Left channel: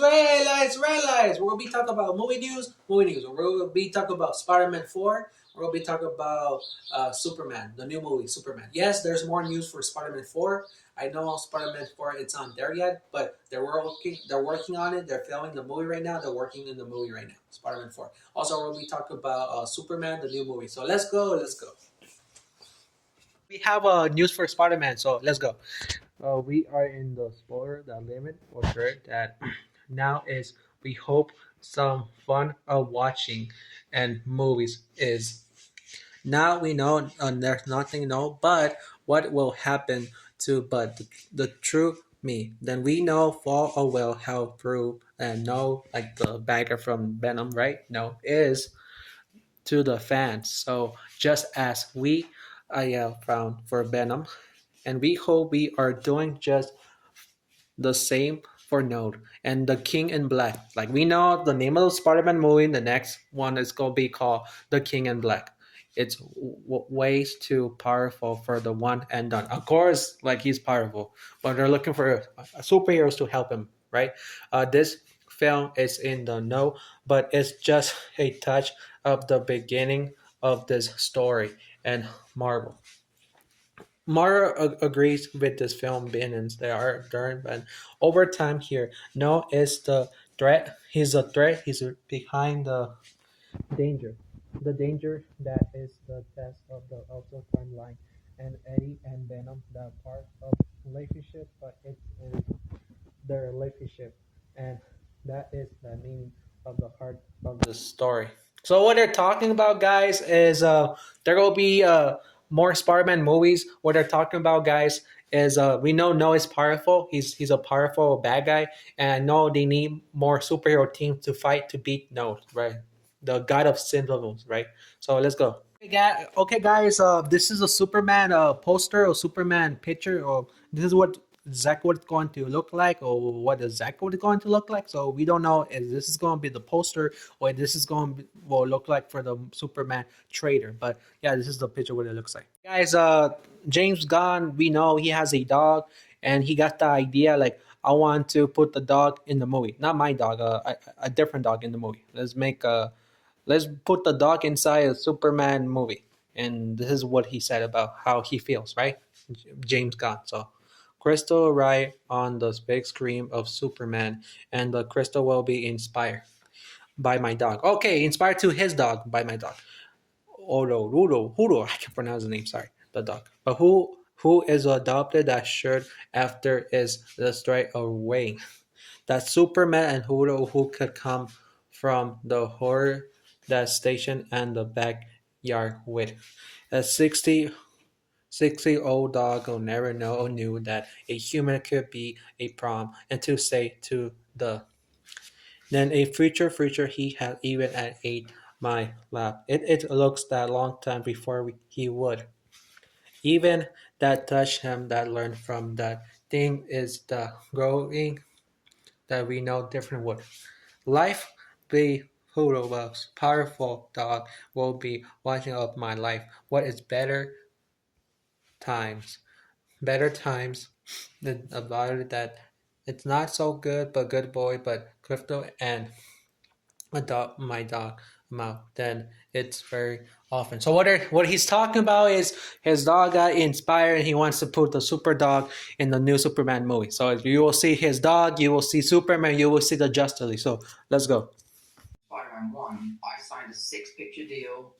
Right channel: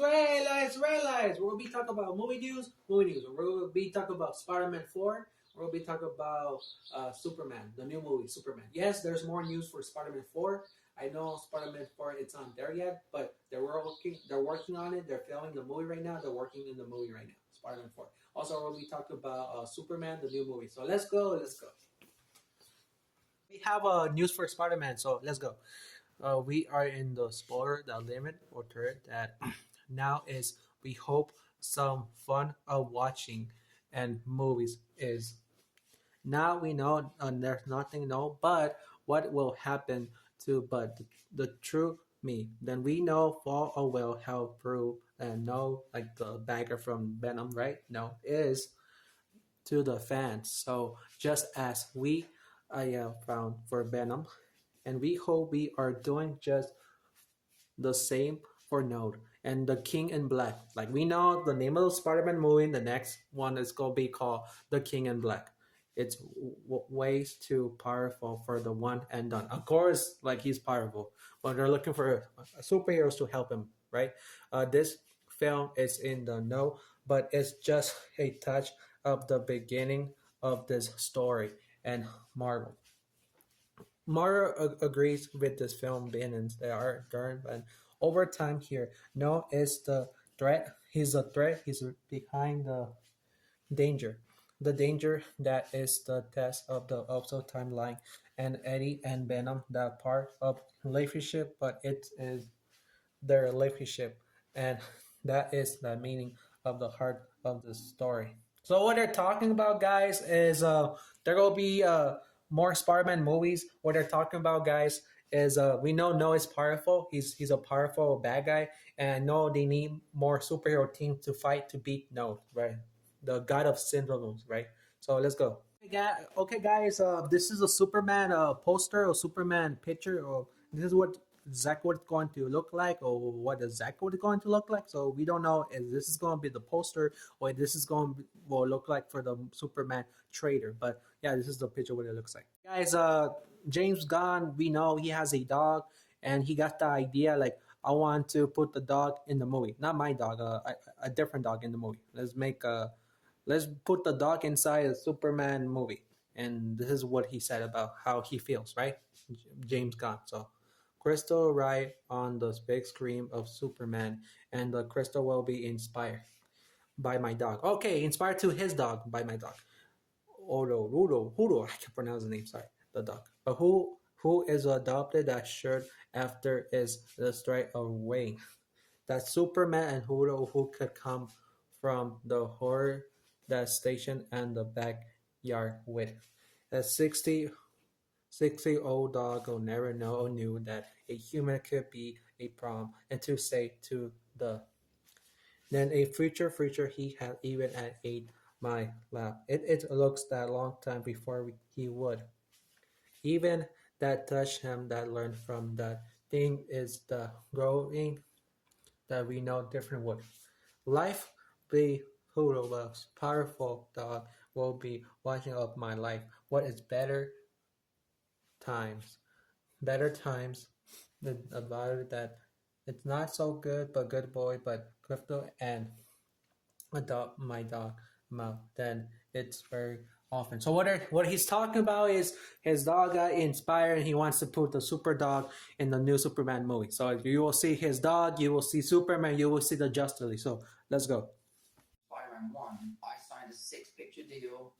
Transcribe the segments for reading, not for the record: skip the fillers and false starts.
red lights. We're gonna be talking about movie news, movie news. We're gonna be talking about Spider-Man 4. We're gonna be talking about Superman, the new movie, Superman. Yes, there's more news for Spider-Man 4. I know Spider-Man 4 it's on there yet, but they're working on it. They're filming the movie right now. They're working in the movie right now, Spider-Man 4. Also, we're gonna be talking about Superman, the new movie. So let's go. We have news for Spider-Man, so let's go. We are in the spoiler, the limit or dirt that now is we hope some fun of watching and movies is now we know there's nothing no but what will happen to but the true me then we know full oh well how through and know like the bagger from Venom right no is to the fans so just as we found for Venom and we hope we are doing just the same for Node and the King in Black. Like we know the name of the Spider-Man movie, the next one is gonna be called The King in Black. It's ways too powerful for the one and done. Of course, like he's powerful, but they're looking for superheroes to help him, right? This film is in the no, but it's just a touch of the beginning of this story and Marvel. Mara agrees with this film bannings they are during and over time here. No is the threat. He's a threat. He's behind the danger. The danger that is the test of the also timeline and Eddie and Venom that part of relationship, but it is their relationship and that is the meaning of the heart of the story. So what they're talking about guys is there will be more Spider-Man movies. What they're talking about guys is we know No is powerful. He's a powerful bad guy and I know they need more superhero teams to fight to beat No, right? The god of symbols, right? So let's go. Okay, guys. This is a Superman poster or Superman picture, or this is what exactly what it's going to look like, or what exactly what it's going to look like. So we don't know if this is going to be the poster or this is going to will look like for the Superman trailer. But yeah, this is the picture what it looks like. Guys, James Gunn, we know he has a dog, and he got the idea like I want to put the dog in the movie, not my dog, a different dog in the movie. Let's put the dog inside a Superman movie. And this is what he said about how he feels, right? James Gunn. So Crystal right on the big screen of Superman, and the crystal will be inspired by my dog. Okay, inspired to his dog by my dog. Odo, Rudo, Hudo, I can pronounce the name, sorry, the dog. But who is adopted that shirt after is the straight away. That Superman and Hudo who could come from the horror that station and the backyard with. A 60 old dog will never know or knew that a human could be a prom and to say to the then a future he had even at ate my lap. It looks that long time before he would. Even that touched him that learned from that thing is the growing that we know different would. Life be who loves powerful dog will be watching up my life. What is times? Better times than about it that it's not so good but good boy but crypto and adopt my dog mouth then it's very often so what he's talking about is his dog got inspired and he wants to put the super dog in the new Superman movie so you will see his dog you will see Superman you will see the Justice League so let's go. Spider-Man 1, I signed a six-picture deal.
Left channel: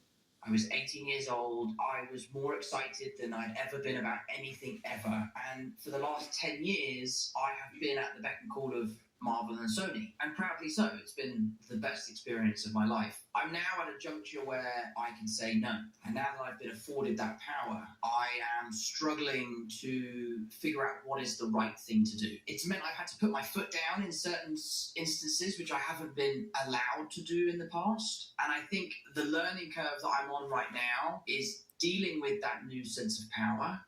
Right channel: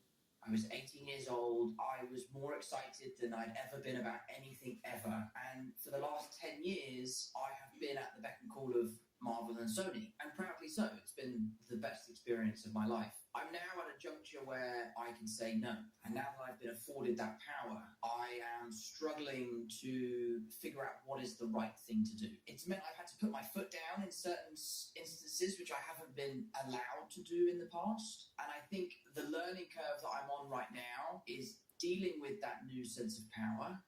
I was 18 years old. I was more excited than I'd ever been about anything ever. And for the last 10 years, I have been at the beck and call of Marvel and Sony, and proudly so. It's been the best experience of my life. I'm now at a juncture where I can say no. And now that I've been afforded that power, I am struggling to figure out what is the right thing to do. It's meant I've had to put my foot down in certain instances, which I haven't been allowed to do in the past. And I think the learning curve that I'm on right now is dealing with that new sense of power,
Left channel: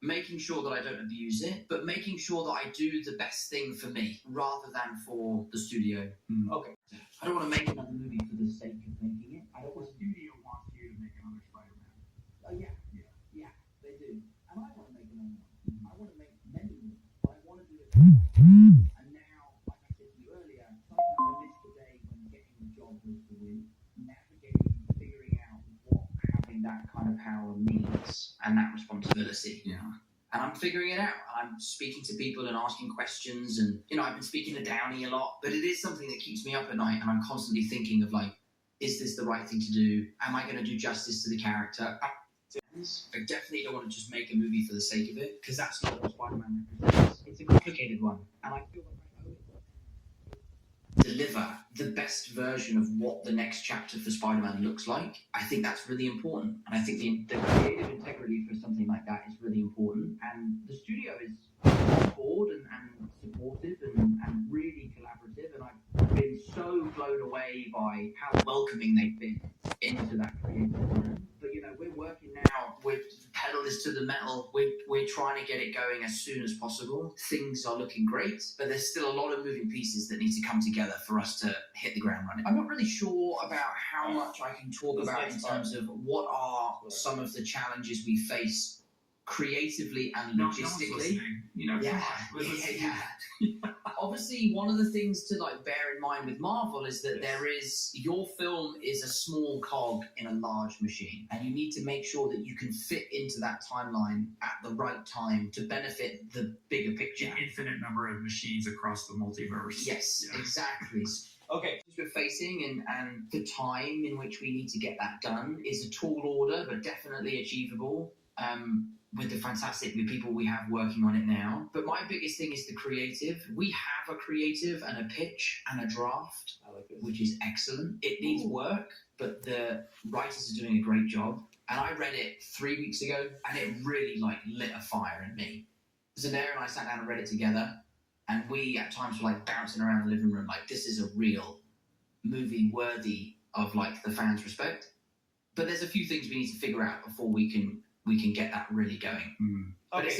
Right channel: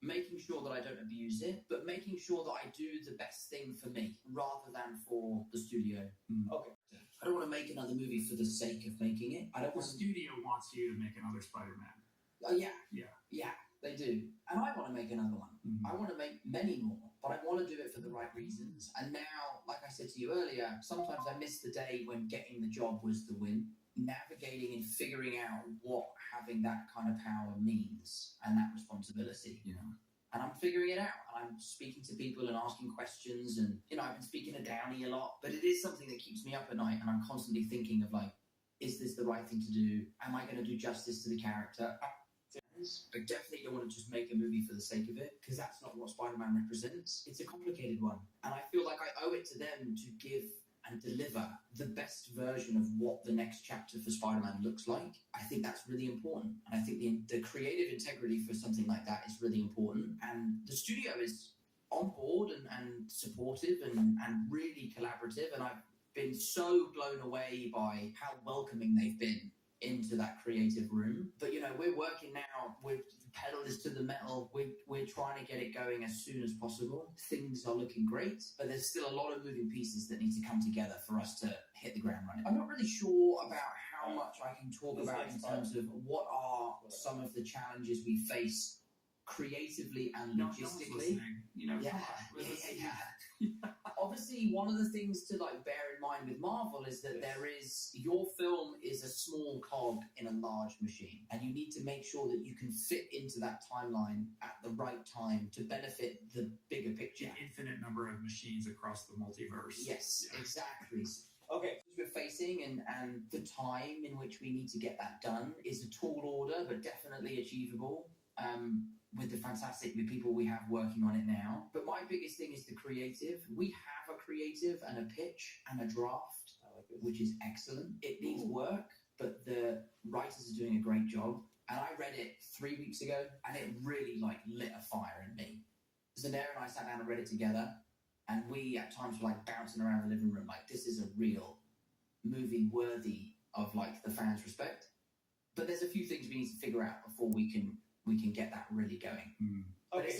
making sure that I don't abuse it, but making sure that I do the best thing for me rather than for the studio. Okay. I don't want to make another movie for the sake of making it. I don't want. The studio wants you to make another Spider-Man. Yeah, they do. And I want to make another one. I want to make many more, but I want to do it for the right reasons. And now, like I said to you earlier, that kind of power means and that responsibility. Yeah. And I'm figuring it out. I'm speaking to people and asking questions, and I've been speaking to Downey a lot, but it is something that keeps me up at night, and I'm constantly thinking of like, is this the right thing to do? Am I going to do justice to the character? I definitely don't want to just make a movie for the sake of it, because that's not what Spider-Man represents. It's a complicated one, and I feel like I owe it to them to give and deliver the best version of what the next chapter for Spider-Man looks like. I think that's really important, and I think the creative integrity for something like that is really important, and the studio is on board and supportive and really collaborative, and I've been so blown away by how welcoming they've been into that creative room. But we're working now with pedal is to the metal. We're trying to get it going as soon as possible. Things are looking great, but there's still a lot of moving pieces that need to come together for us to hit the ground running. I'm not really sure about how much I can talk about in terms of what are some of the challenges we face creatively and No one's logistically. listening. Yeah, come on. yeah. Obviously, one of the things to bear in mind with Marvel is that your film is a small cog in a large machine, and you need to make sure that you can fit into that timeline at the right time to benefit the bigger picture. An infinite number of machines across the multiverse. Yes, Yeah. exactly. Okay, we're facing and the time in which we need to get that done is a tall order, but definitely achievable. With the fantastic people we have working on it now. But my biggest thing is the creative. We have a creative and a pitch and a draft, which is excellent. It needs work, but the writers are doing a great job. And I read it 3 weeks ago, and it really lit a fire in me. Zendaya and I sat down and read it together, and we at times were bouncing around the living room like, this is a real movie worthy of the fans' respect. But there's a few things we need to figure out before we can get that really going. Mm. But it's